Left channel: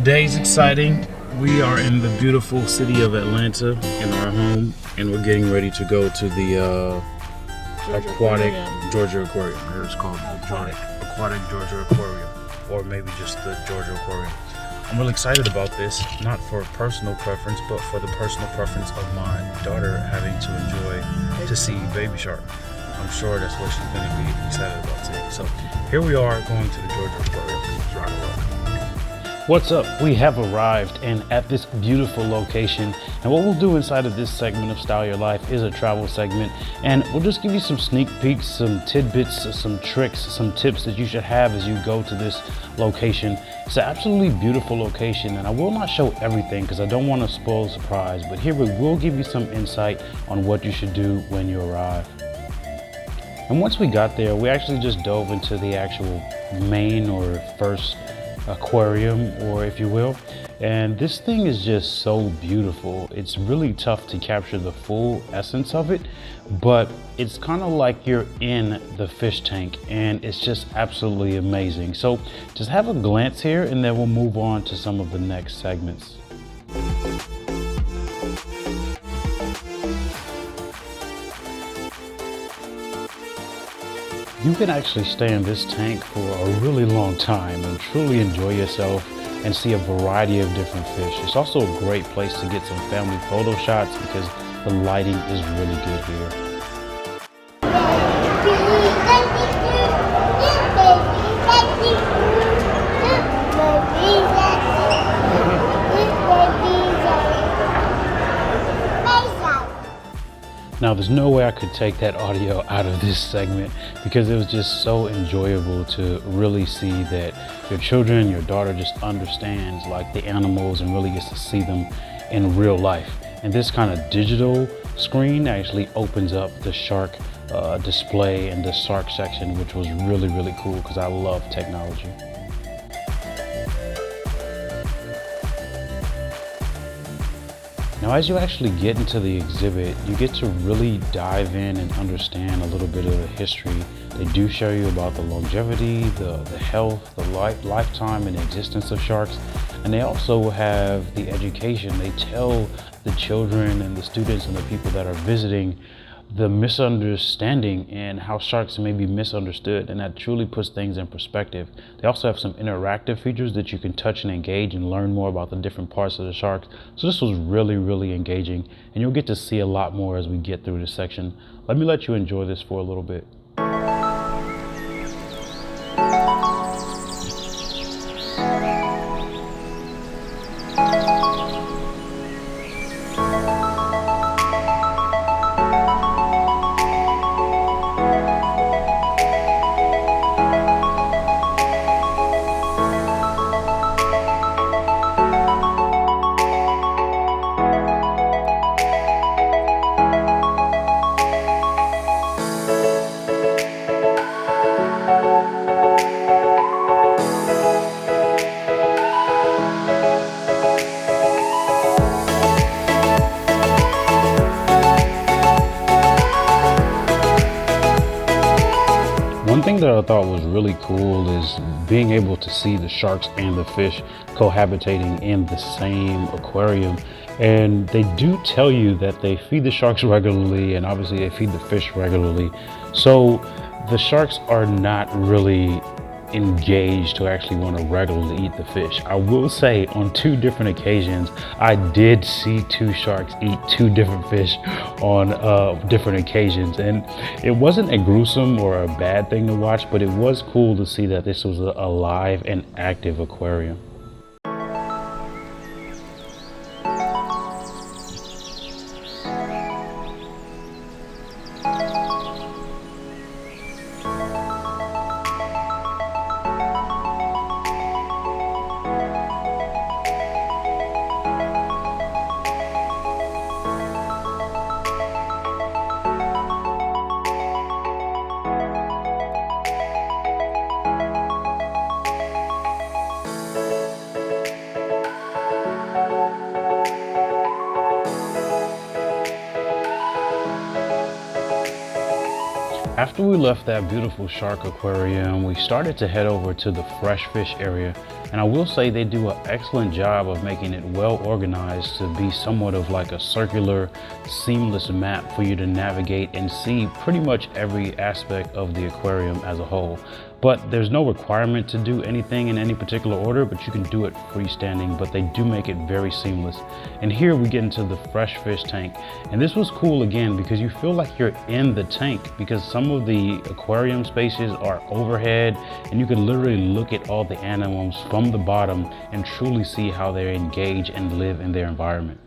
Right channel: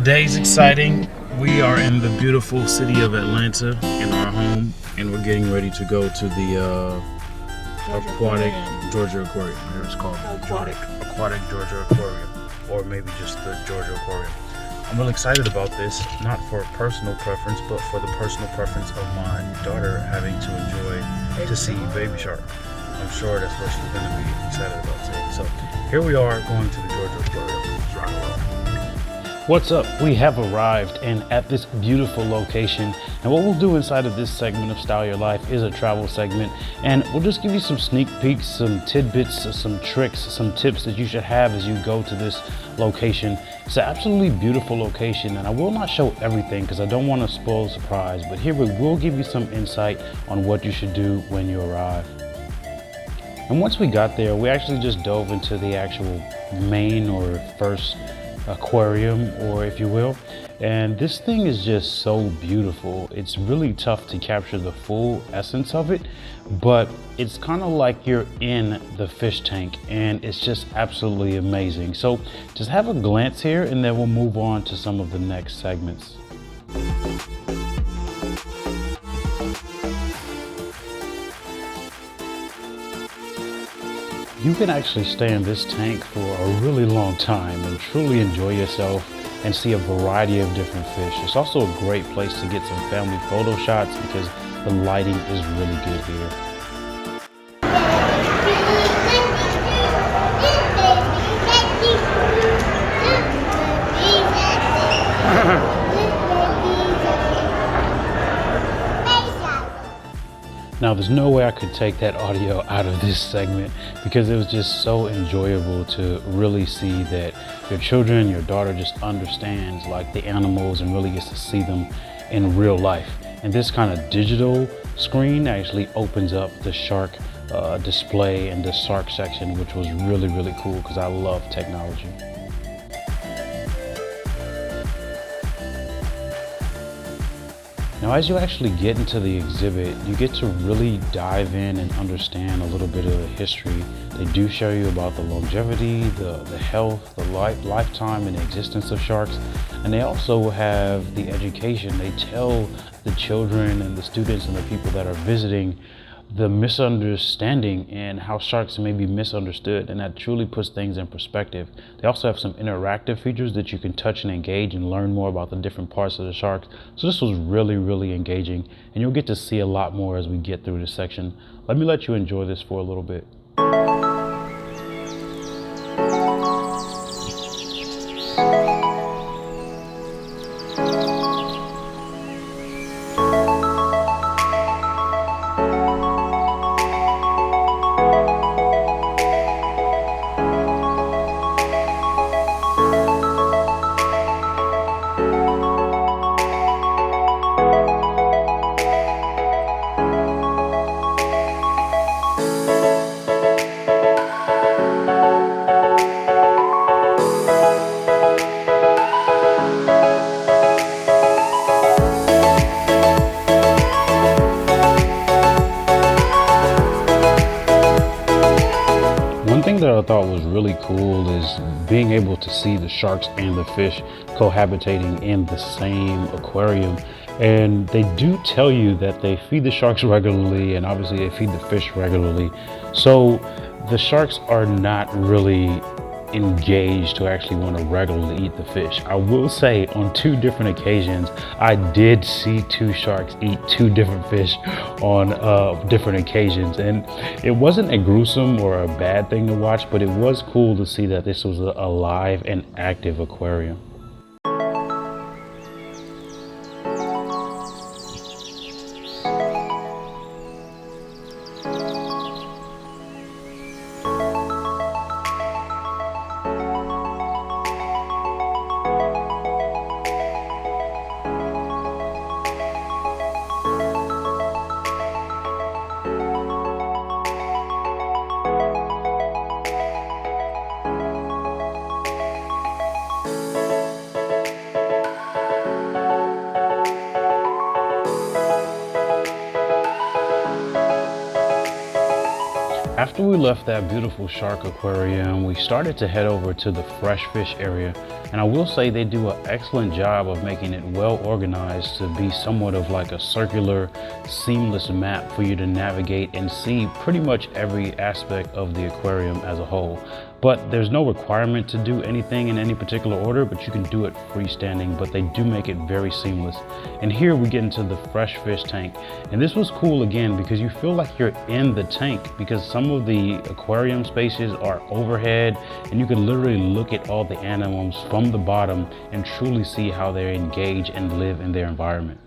Today's exciting. We are in the beautiful city of Atlanta in our home, and we're getting ready to go to the aquatic Georgia Aquarium. Here it's called Aquatic Georgia Aquarium, or maybe just the Georgia Aquarium. I'm really excited about this, not for personal preference, but for the personal preference of my daughter having to enjoy to see baby shark. I'm sure that's what she's going to be excited about today. So here we are going to the Georgia Aquarium. Let's rock and roll. What's up? We have arrived and at this beautiful location, and what we'll do inside of this segment of Style Your Life is a travel segment, and we'll just give you some sneak peeks, some tidbits, some tricks, some tips that you should have as you go to this location. It's an absolutely beautiful location, and I will not show everything because I don't want to spoil the surprise, but here we will give you some insight on what you should do when you arrive. And once we got there, we actually just dove into the actual main or first aquarium, or if you will, and this thing is just so beautiful. It's really tough to capture the full essence of it, but it's kind of like you're in the fish tank, and it's just absolutely amazing. So just have a glance here, and then we'll move on to some of the next segments. You can actually stay in this tank for a really long time and truly enjoy yourself and see a variety of different fish. It's also a great place to get some family photo shots because the lighting is really good here. Now, there's no way I could take that audio out of this segment because it was just so enjoyable to really see that your children, your daughter just understands like the animals and really gets to see them in real life. And this kind of digital screen actually opens up the shark display and the shark section, which was really, really cool because I love technology. Now, as you actually get into the exhibit, you get to really dive in and understand a little bit of the history. They do show you about the longevity, the health, the lifetime and the existence of sharks. And they also have the education. They tell the children and the students and the people that are visiting the misunderstanding and how sharks may be misunderstood, and that truly puts things in perspective. They also have some interactive features that you can touch and engage and learn more about the different parts of the sharks. So this was really, really engaging, and you'll get to see a lot more as we get through this section. Let me let you enjoy this for a little bit. One thing that I thought was really cool is being able to see the sharks and the fish cohabitating in the same aquarium. And they do tell you that they feed the sharks regularly, and obviously they feed the fish regularly. So the sharks are not really engaged to actually want to regularly eat the fish. I will say on 2 different occasions, I did see 2 sharks eat 2 different fish on different occasions. And it wasn't a gruesome or a bad thing to watch, but it was cool to see that this was a live and active aquarium. After we left that beautiful shark aquarium, we started to head over to the fresh fish area. And I will say they do an excellent job of making it well organized to be somewhat of like a circular, seamless map for you to navigate and see pretty much every aspect of the aquarium as a whole. But there's no requirement to do anything in any particular order, but you can do it freestanding, but they do make it very seamless. And here we get into the fresh fish tank. And this was cool again, because you feel like you're in the tank, because some of the aquarium spaces are overhead and you can literally look at all the animals from the bottom and truly see how they engage and live in their environment.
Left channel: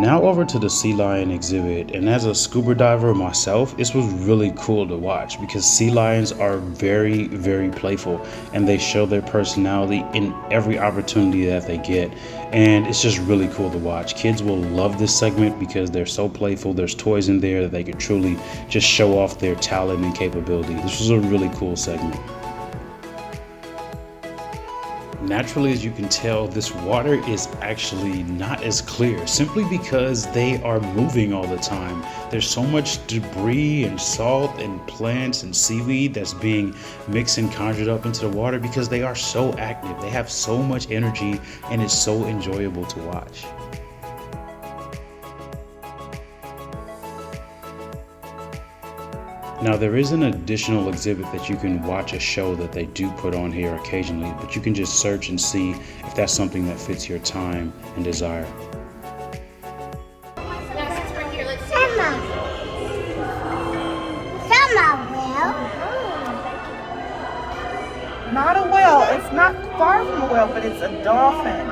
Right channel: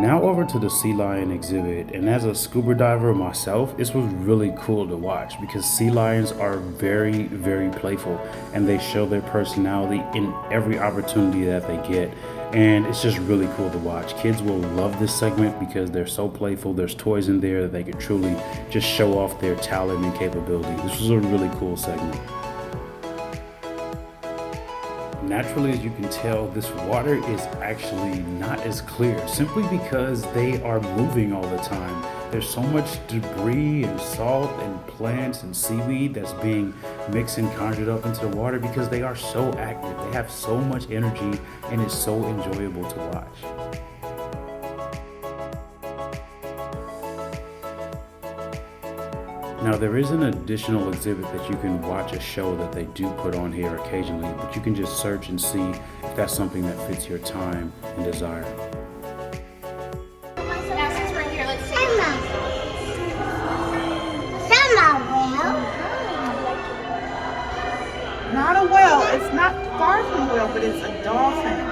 Now over to the sea lion exhibit, and as a scuba diver myself, this was really cool to watch because sea lions are very, very playful and they show their personality in every opportunity that they get, and it's just really cool to watch. Kids will love this segment because they're so playful. There's toys in there that they can truly just show off their talent and capability. This was a really cool segment. Naturally, as you can tell, this water is actually not as clear simply because they are moving all the time. There's so much debris and salt and plants and seaweed that's being mixed and conjured up into the water because they are so active. They have so much energy and it's so enjoyable to watch. Now there is an additional exhibit that you can watch a show that they do put on here occasionally, but you can just search and see if that's something that fits your time and desire. Not a whale. It's not far from a whale, but it's a dolphin.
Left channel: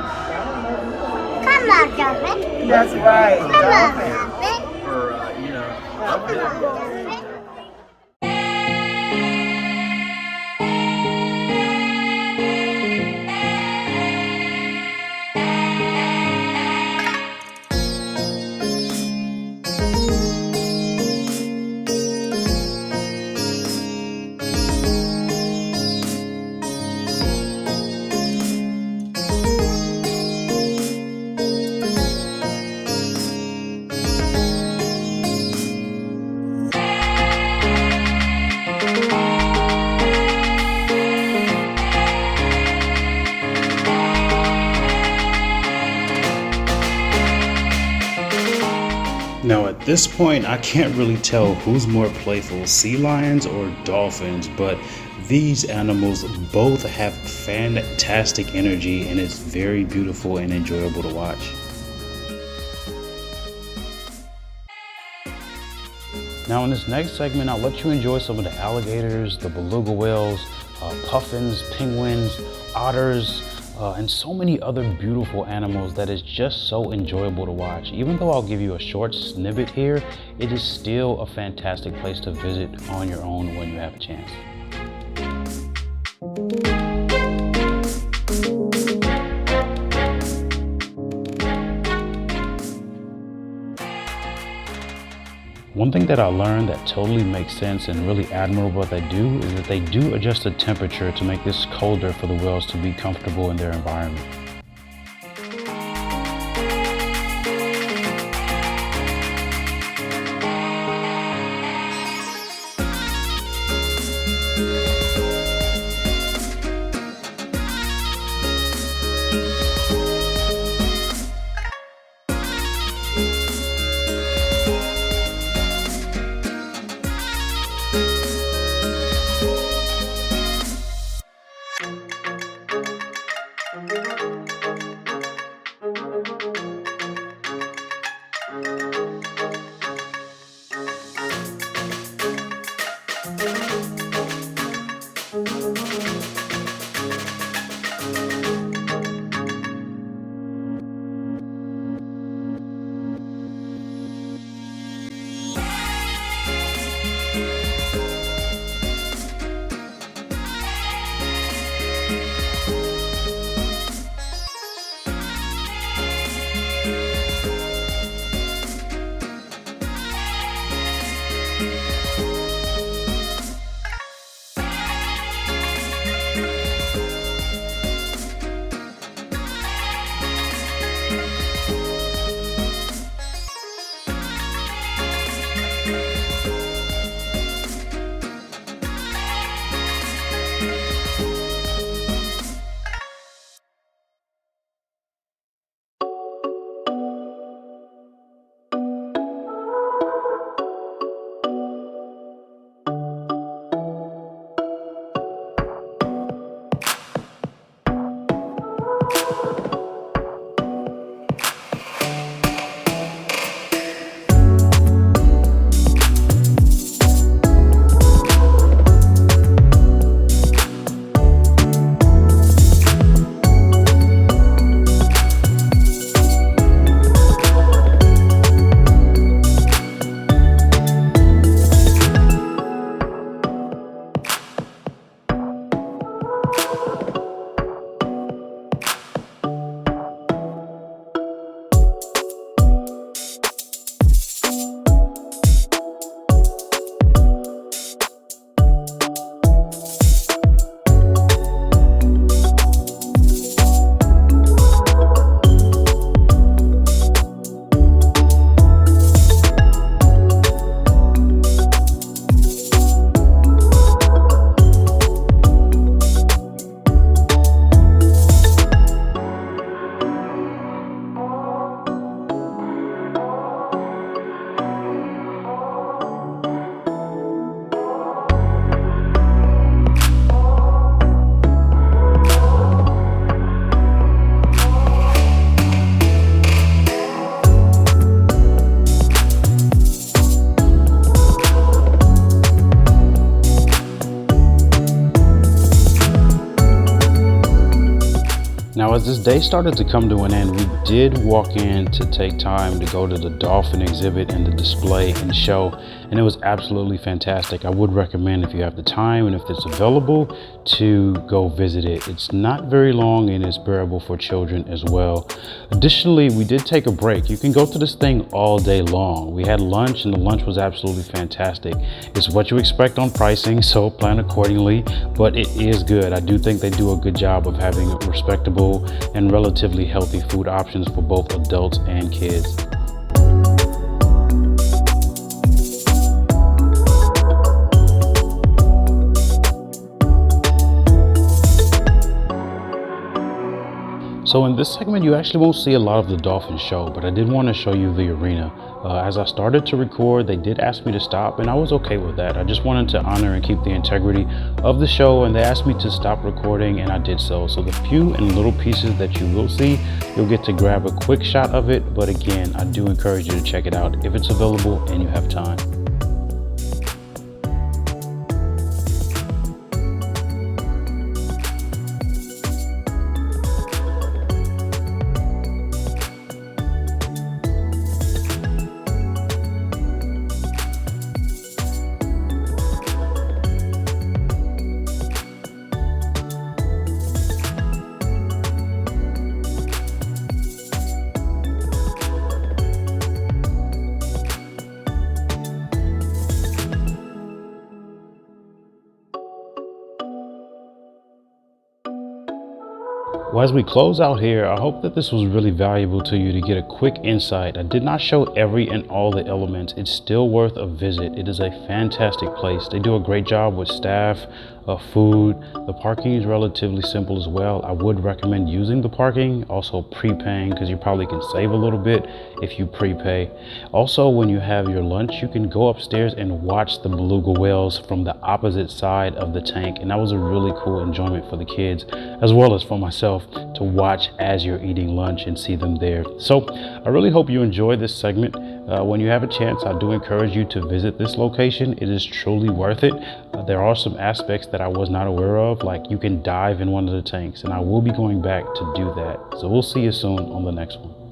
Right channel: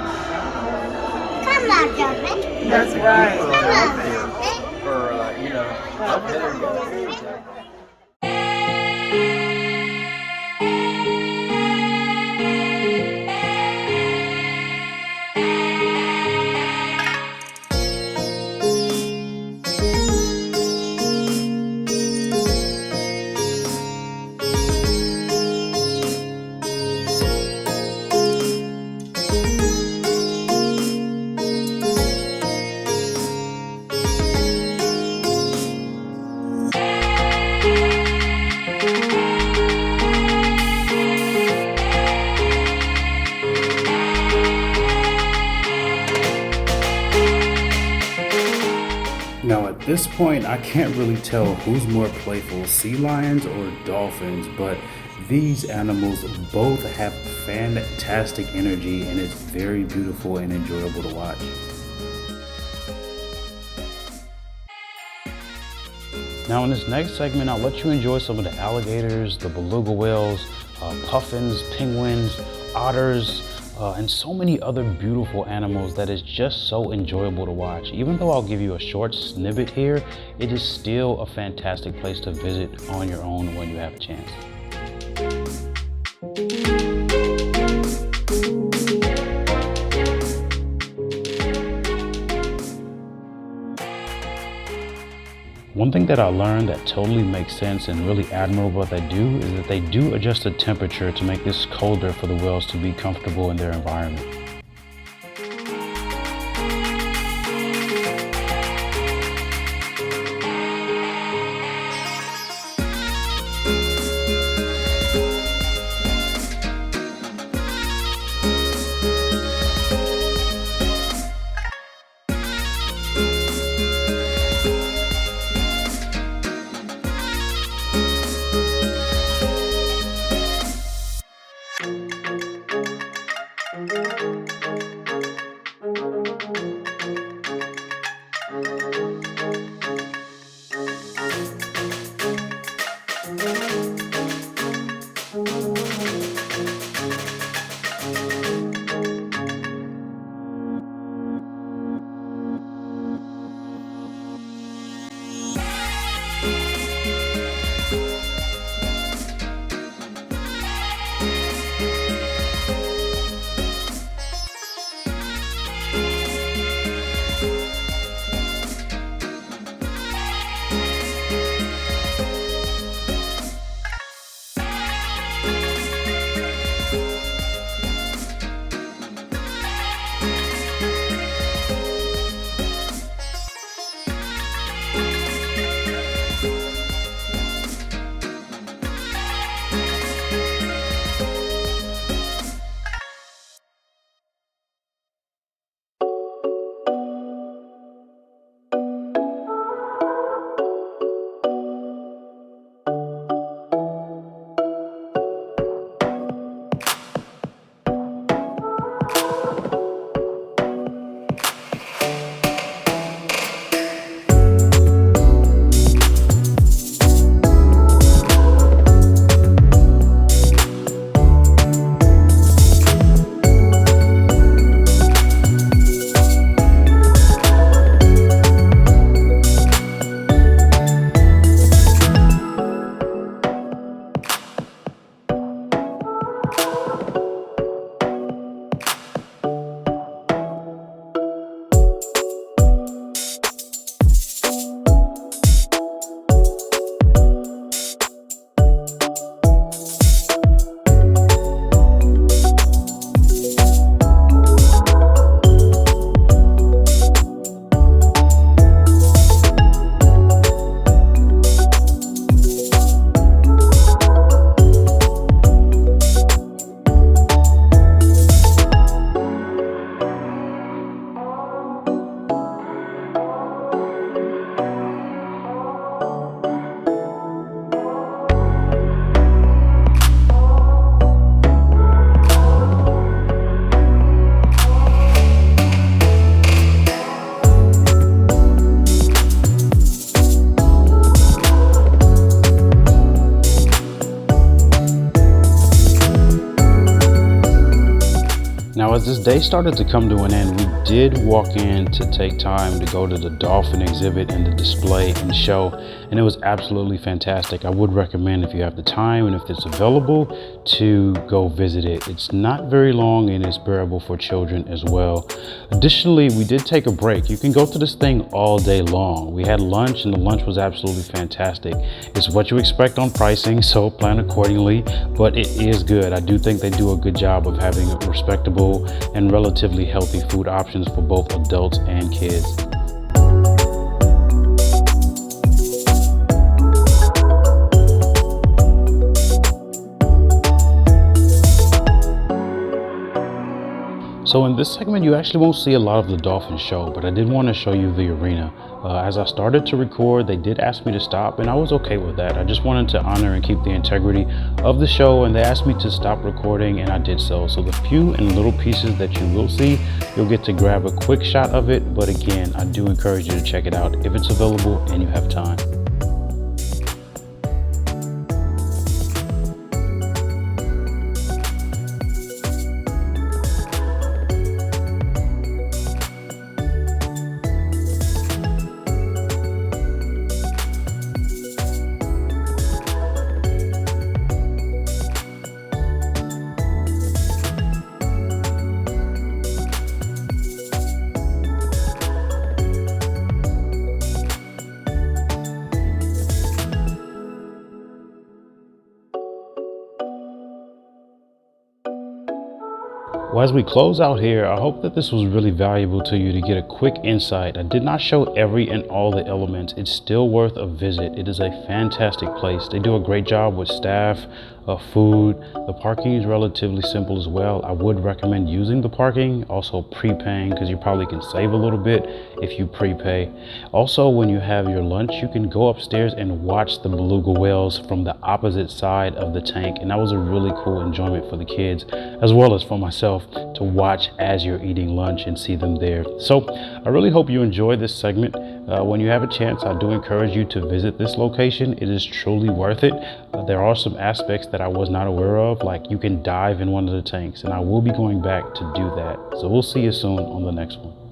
Come on, Dolphin. That's right. Come on, Dolphin. Or, up there. Now at this point, I can't really tell who's more playful, sea lions or dolphins, but these animals both have fantastic energy and it's very beautiful and enjoyable to watch. Now in this next segment, I'll let you enjoy some of the alligators, the beluga whales, puffins, penguins, otters, and so many other beautiful animals that is just so enjoyable to watch. Even though I'll give you a short snippet here, it is still a fantastic place to visit on your own when you have a chance. One thing that I learned that totally makes sense and really admirable what they do is that they do adjust the temperature to make this colder for the whales to be comfortable in their environment. Now, as this day started to come to an end, we did walk in to take time to go to the Dolphin exhibit and the display and show, and it was absolutely fantastic. I would recommend, if you have the time and if it's available, to go visit it. It's not very long and it's bearable for children as well. Additionally, we did take a break. You can go to this thing all day long. We had lunch and the lunch was absolutely fantastic. It's what you expect on pricing, so plan accordingly, but it is good. I do think they do a good job of having a respectable and relatively healthy food options for both adults and kids. So in this segment, you actually won't see a lot of the Dolphin show, but I did want to show you the arena. As I started to record, they did ask me to stop, and I was okay with that. I just wanted to honor and keep the integrity of the show, and they asked me to stop recording, and I did so. So the few and little pieces that you will see, you'll get to grab a quick shot of it. But again, I do encourage you to check it out if it's available and you have time. Well, as we close out here, I hope that this was really valuable to you to get a quick insight. I did not show every and all the elements. It's still worth a visit. It is a fantastic place. They do a great job with staff, food. The parking is relatively simple as well. I would recommend using the parking, also prepaying, because you probably can save a little bit if you prepay. Also, when you have your lunch, you can go upstairs and watch the beluga whales from the opposite side of the tank. And that was a really cool enjoyment for the kids, as well as for myself, to watch as you're eating lunch and see them there. So I really hope you enjoyed this segment. When you have a chance, I do encourage you to visit this location. It is truly worth it. There are some aspects that I was not aware of, like you can dive in one of the tanks, and I will be going back to do that. So we'll see you soon on the next one.